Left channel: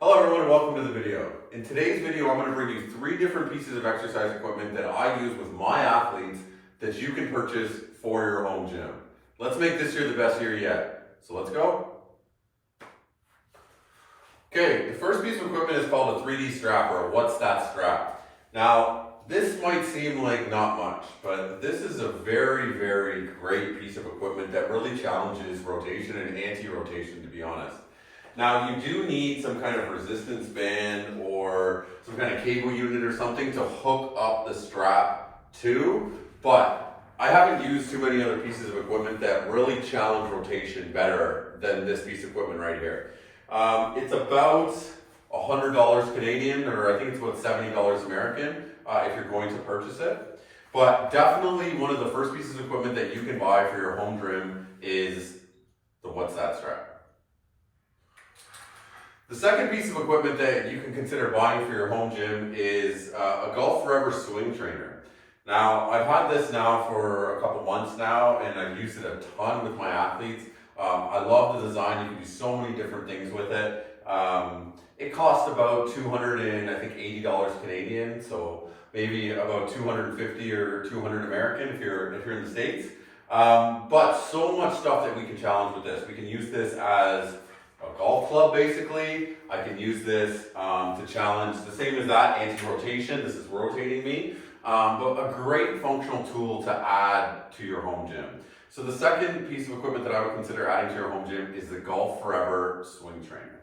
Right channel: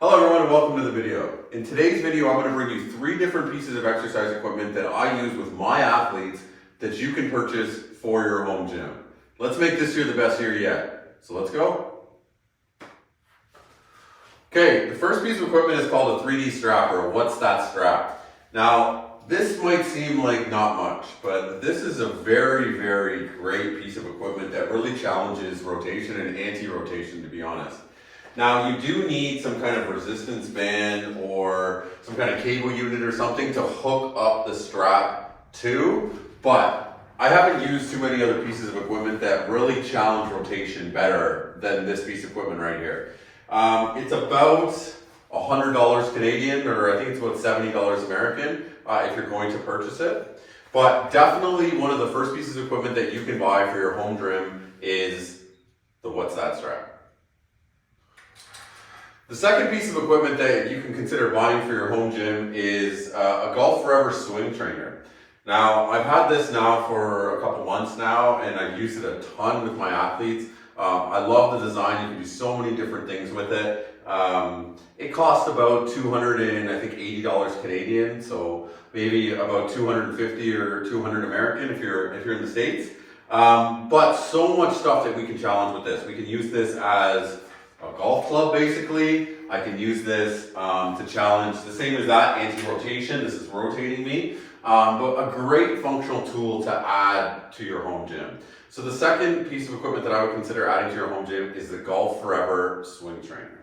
Hello everyone and welcome to the video. In today's video, I'm going to bring you 3 different pieces of exercise equipment that I use with my athletes that you can purchase for your home gym. Let's make this year the best year yet. So let's go. Okay, the first piece of equipment is called a 3D strap, or what's that strap? Now, this might seem like not much, but this is a very, very great piece of equipment that really challenges rotation and anti-rotation, to be honest. Now, you do need some kind of resistance band or some kind of cable unit or something to hook up the strap to, but I haven't used too many other pieces of equipment that really challenge rotation better than this piece of equipment right here. It's about $100 Canadian, or I think it's about $70 American if you're going to purchase it. But definitely one of the first pieces of equipment that you can buy for your home gym is the What's That strap. The second piece of equipment that you can consider buying for your home gym is a Golf Forever swing trainer. Now, I've had this now for a couple months now, and I've used it a ton with my athletes. I love the design. You can do so many different things with it. It costs about $280 Canadian, so maybe about $250 or $200 American if you're in the States. But so much stuff that we can challenge with this. We can use this as a golf club, basically. I can use this to challenge, the same as that, anti-rotation. This is rotating me, but a great functional tool to add to your home gym. So the second piece of equipment that I would consider adding to your home gym is the Golf Forever swing trainer.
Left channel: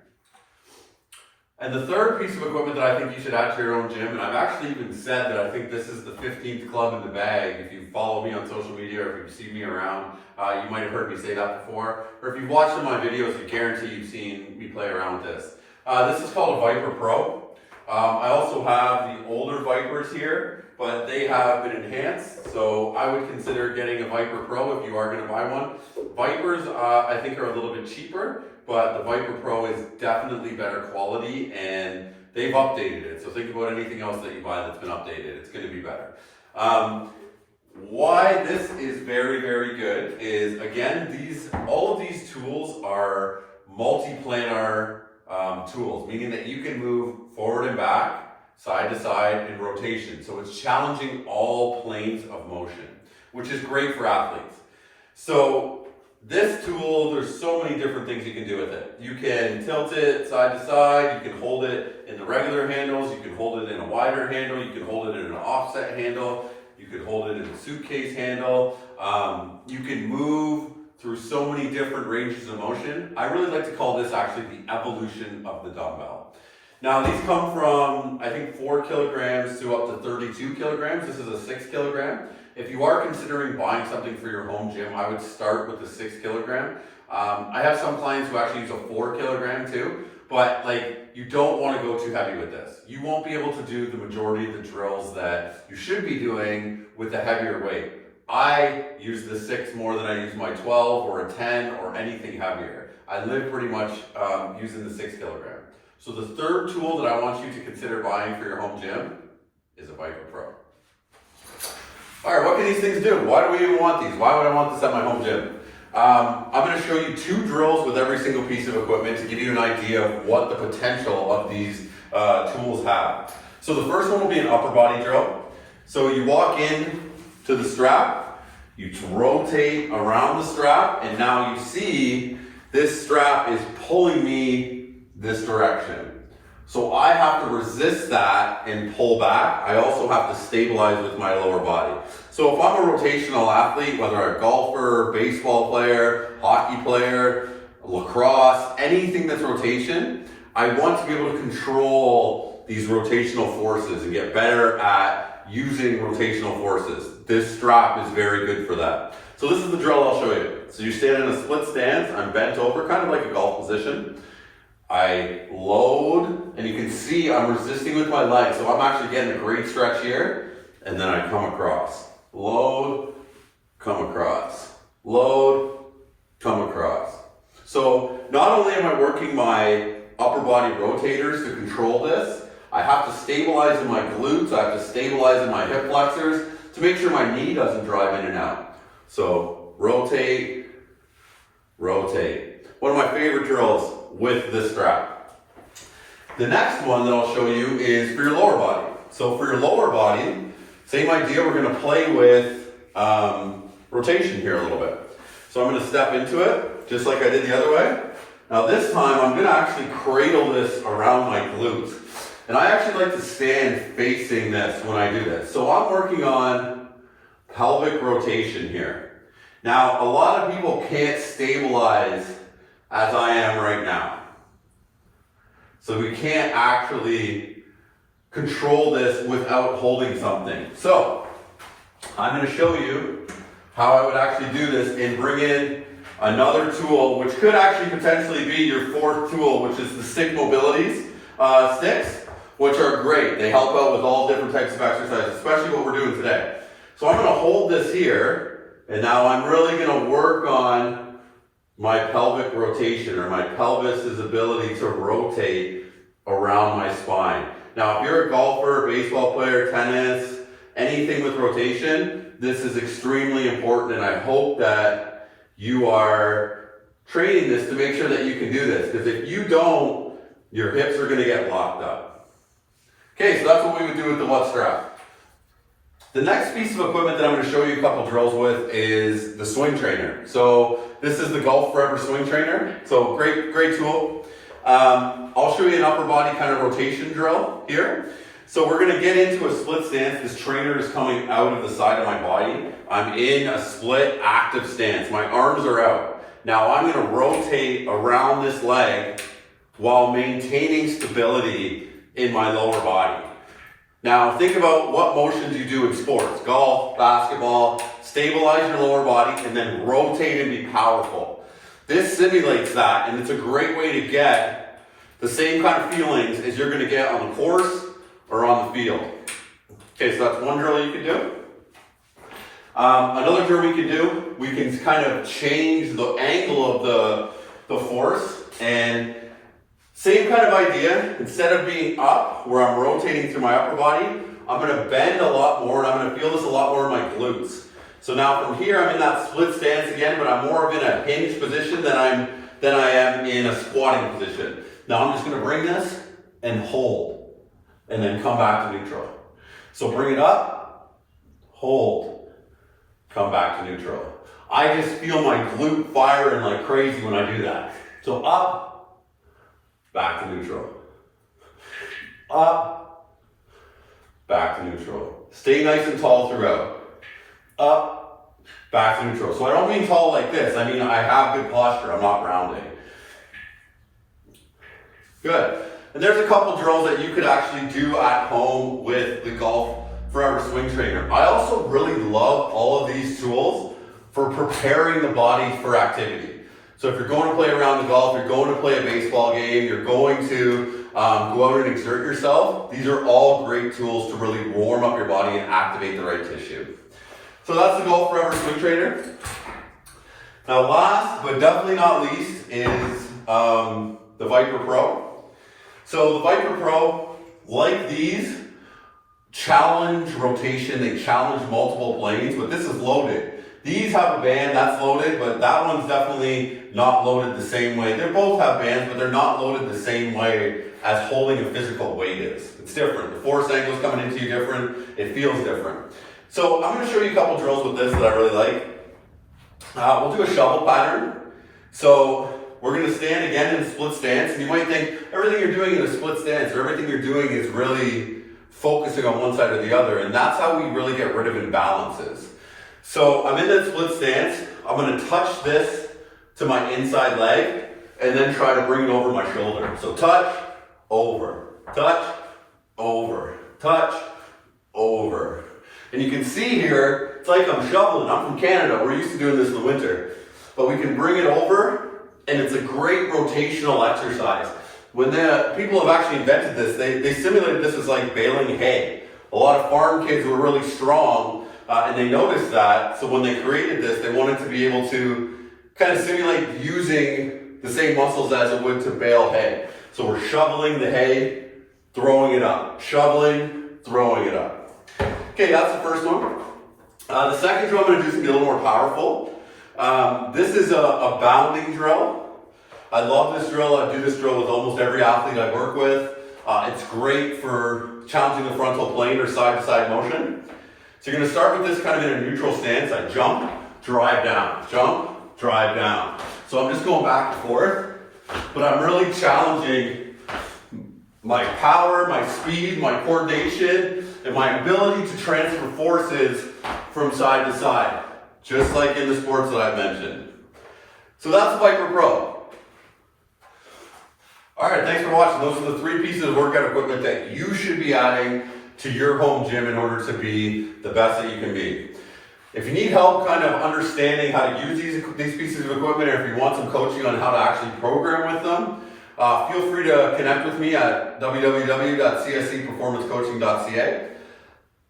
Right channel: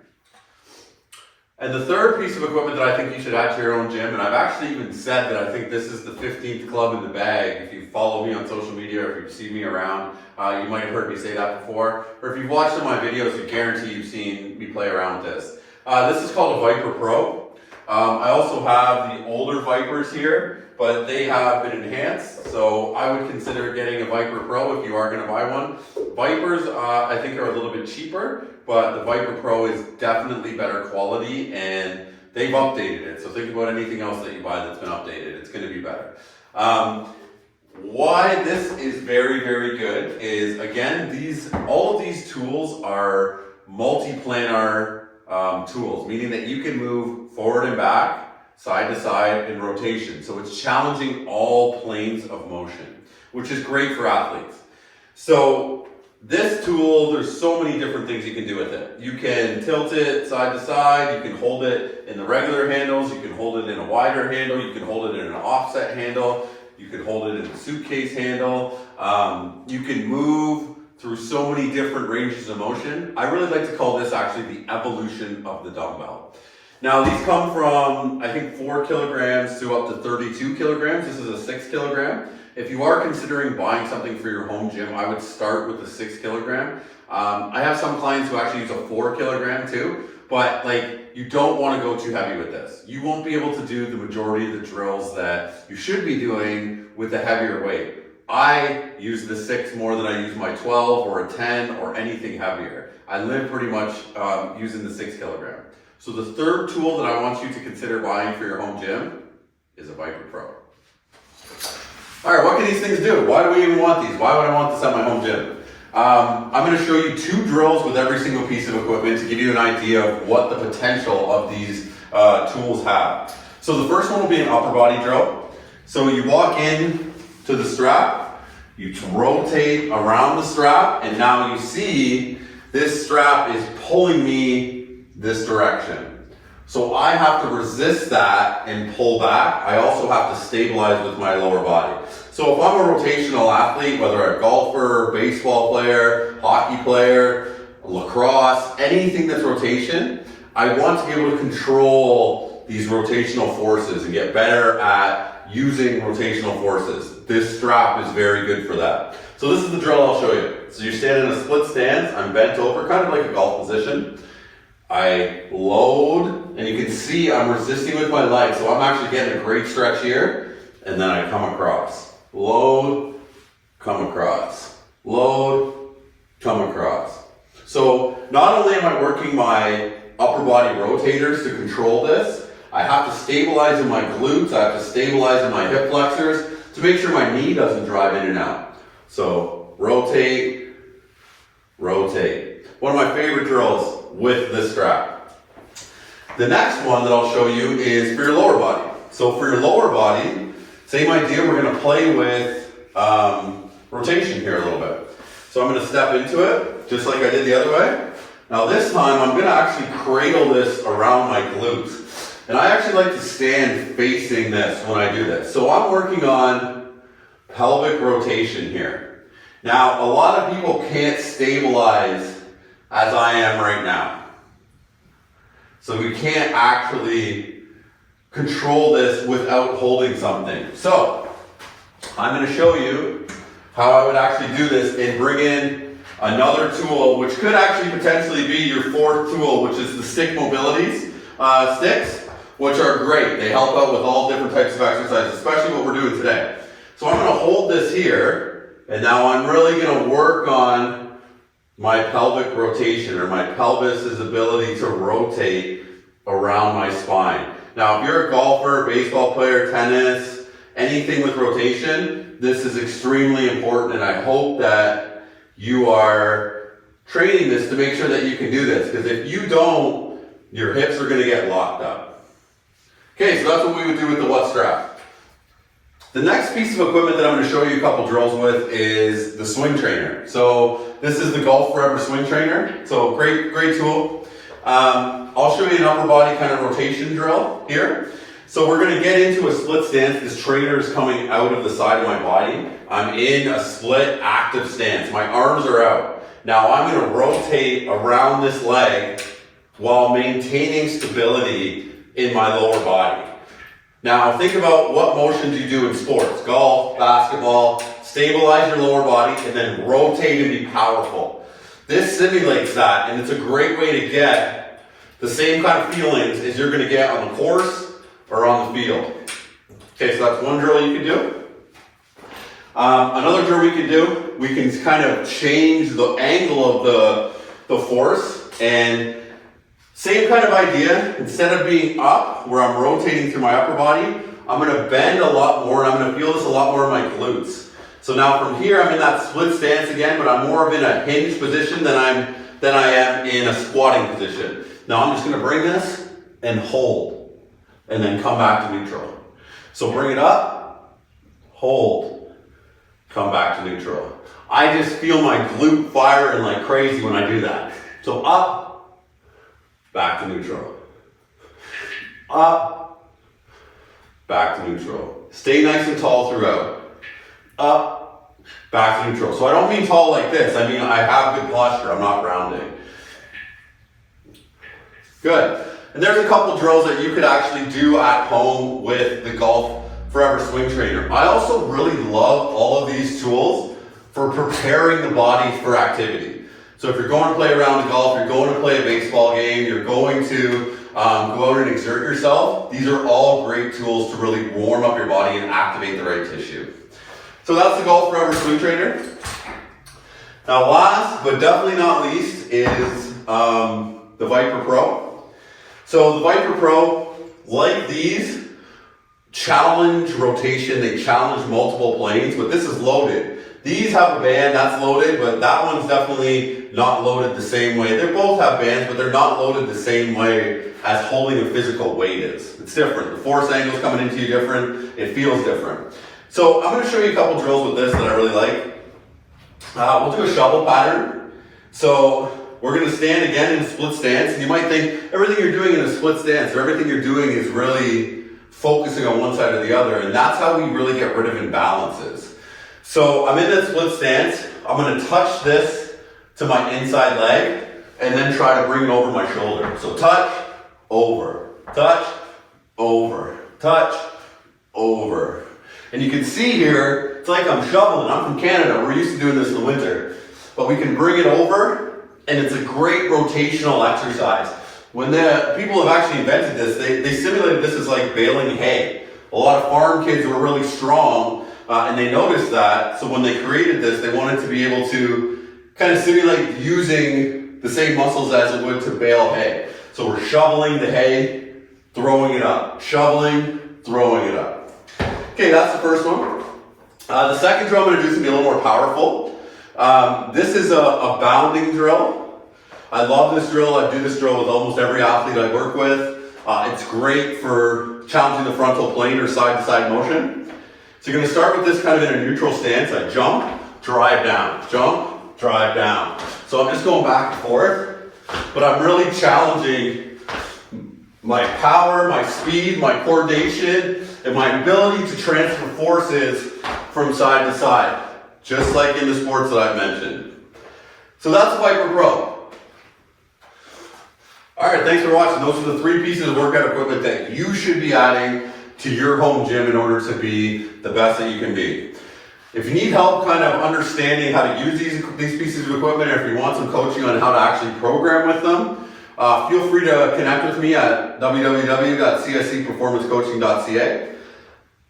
And the third piece of equipment that I think you should add to your own gym, and I've actually even said that I think this is the 15th club in the bag. If you follow me on social media, or if you've seen me around, you might have heard me say that before. Or if you've watched some of my videos, I guarantee you've seen me play around with this. This is called a Viper Pro. I also have the older Vipers here, but they have been enhanced. So I would consider getting a Viper Pro if you are going to buy one. Vipers, I think, are a little bit cheaper, but the Viper Pro is definitely better quality, and they've updated it. So think about anything else that you buy that's been updated. It's going to be better. Why this is very, very good is, again, all of these tools are multi-planar tools, meaning that you can move forward and back, side to side, in rotation. So it's challenging all planes of motion, which is great for athletes. So this tool, there's so many different things you can do with it. You can tilt it side to side, you can hold it in the regular handles, you can hold it in a wider handle, you can hold it in an offset handle, you can hold it in a suitcase handle. You can move through so many different ranges of motion. I really like to call this actually the evolution of the dumbbell. Now, these come from, I think, 4 kilograms to up to 32 kilograms. This is a 6 kilogram. If you are considering buying something for your home gym, I would start with the 6 kilogram. I have some clients who actually use a 4 kilogram too, but you don't want to go too heavy with this. You won't be able to do the majority of the drills that you should be doing with a heavier weight. I use the 6 more than I use my 12 or a 10 or anything heavier. I live pretty much using the 6 kilogram. So the third tool that I want you to consider buying for your home gym is a Viper Pro. All right, what can these things do? Why do we even want these? Why would I want this at my home gym? I'm going to show you 2 drills with every single piece of equipment to give you an idea of what the potential of these tools have. So the first one will be an upper body drill. So you walk in to the strap, you rotate around the strap, and now you see this strap is pulling me this direction. So I have to resist that and pull back. I also have to stabilize with my lower body. So if I'm a rotational athlete, whether I'm a golfer, baseball player, hockey player, lacrosse, anything that's rotation, I want to be able to control these rotational forces and get better at using rotational forces. This strap is very good for that. So this is the drill I'll show you. So you stand in a split stance, I'm bent over, kind of like a golf position. I load, and you can see I'm resisting with my legs, so I'm actually getting a great stretch here, and then I come across. Load, come across. Load, come across. So not only am I working my upper body rotators to control this, I have to stabilize in my glutes, I have to stabilize in my hip flexors to make sure my knee doesn't drive in and out. So rotate, rotate. One of my favorite drills with this strap. The next one that I'll show you is for your lower body. So for your lower body, same idea, we're gonna play with rotation here a little bit. So I'm gonna step into it, just like I did the other way. Now this time, I'm gonna actually cradle this around my glutes. And I actually like to stand facing this when I do this. So I'm working on pelvic rotation here. Now, a lot of people can't stabilize as I am right now. So we can't actually control this without holding something. So I'm going to show you how I would actually do this and bring in another tool, which could actually potentially be your fourth tool, which is the stick mobilities sticks, which are great. They help out with all different types of exercises, especially what we're doing today. So I'm going to hold this here, and now I'm really going to work on my pelvic rotation, or my pelvis's ability to rotate around my spine. Now, if you're a golfer, baseball player, tennis, anything with rotation, this is extremely important, and I hope that you are training this to make sure that you can do this, because if you don't, your hips are going to get locked up. Okay, so that's what we would do with the What Strap. The next piece of equipment that I'm going to show you a couple drills with is the swing trainer. So this is the Golf Forever swing trainer. So great tool. I'll show you an upper body kind of rotation drill here. So we're going to get into a split stance. This trainer is coming out of the side of my body. I'm in a split active stance. My arms are out. Now I'm going to rotate around this leg while maintaining stability in my lower body. Now think about what motions you do in sports, golf, basketball. Stabilize your lower body and then rotate and be powerful. This simulates that, and it's a great way to get the same kind of feelings as you're going to get on the course or on the field. Okay, so that's one drill you can do. Another drill we can do, we can kind of change the angle of the force, and same kind of idea. Instead of being up, where I'm rotating through my upper body, I'm going to bend a lot more, and I'm going to feel this a lot more in my glutes. So now from here, I'm in that split stance again, but I'm more of in a hinge position than I am in a squatting position. Now I'm just going to bring this and hold, and then come back to neutral. So bring it up, hold, come back to neutral. I just feel my glute firing like crazy when I do that. So up, back to neutral. Up, back to neutral. Stay nice and tall throughout. Up, back to neutral. So I don't mean tall like this. I mean I have good posture. I'm not rounding. Good. And there's a couple drills that you could actually do at home with the Golf Forever swing trainer. I also really love all of these tools for preparing the body for activity. So if you're going to play a round of golf, you're going to play a baseball game, you're going to go out and exert yourself, these are all great tools to really warm up your body and activate the right tissue. So that's the Golf Forever swing trainer. Now last, but definitely not least, is the Viper Pro. So the Viper Pro, like these, challenge rotation, they challenge multiple planes, but this is loaded. These have a band, that's loaded, but that one's definitely not loaded the same way. They both have bands, but they're not loaded the same way as holding a physical weight is. It's different. The force angle's coming into you different. It feels different. So I'm going to show you a couple drills with this that I really like. We'll do a shovel pattern. So we're going to stand again in a split stance. And you might think everything you're doing in a split stance or everything you're doing is really focusing on one side or the other. And that's how we really get rid of imbalances. So I'm in that split stance. I'm going to touch this to my inside leg and then try to bring it over my shoulder. So touch, over, touch, over, touch, over. And you can see here, it's like I'm shoveling. I'm from Canada. We're used to doing this in the winter. But we can bring it over, and it's a great rotational exercise. When the people have actually invented this, they simulated this as like baling hay. A lot of farm kids were really strong, and they noticed that. So when they created this, they wanted to be able to kind of simulate using the same muscles as it would to bale hay. So we're shoveling the hay, throwing it up. Shoveling, throwing it up. Okay, that's the first one. The second drill I'm going to do is going to be a little more powerful. This is a bounding drill. I love this drill. I do this drill with almost every athlete I work with. It's great for challenging the frontal plane or side-to-side motion. So you're going to start with this kind of in a neutral stance. I jump, drive down, jump, drive down. So I'm just going back and forth, but I'm really challenging my power, my speed, my coordination, and my ability to transfer forces from side to side, just like in the sports that I've mentioned. So that's the Viper Pro. All right, thanks for watching. Those are the 3 pieces of workout equipment that you should be adding to your home gym in order to be the best that you can be. If you need help kind of understanding how to use these pieces of equipment, or if you want some coaching on how to actually program with them, feel free to connect with me at www.cscperformancecoaching.ca.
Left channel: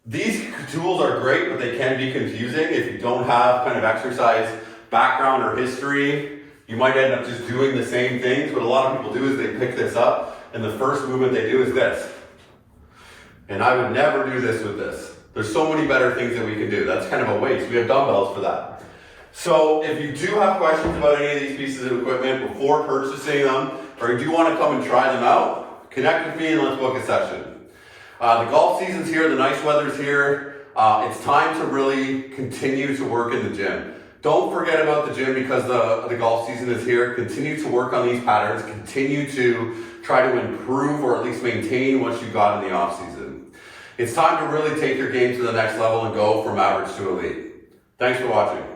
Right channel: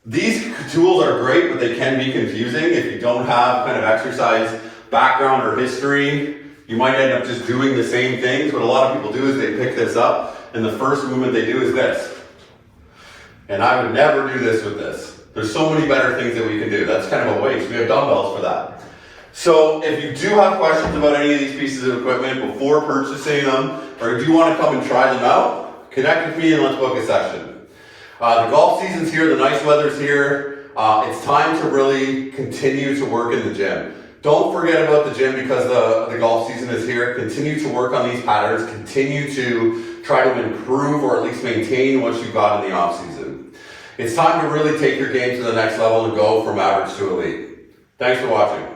These tools are great, but they can be confusing if you don't have kind of exercise background or history. You might end up just doing the same things. What a lot of people do is they pick this up, and the first movement they do is this. And I would never do this with this. There's so many better things that we can do. That's kind of a waste. We have dumbbells for that. So if you do have questions about any of these pieces of equipment before purchasing them, or you do want to come and try them out, connect with me and let's book a session. The golf season's here, the nice weather's here. It's time to really continue to work in the gym. Don't forget about the gym because the golf season is here. Continue to work on these patterns. Continue to try to improve or at least maintain what you got in the off season. It's time to really take your game to the next level and go from average to elite. Thanks for watching.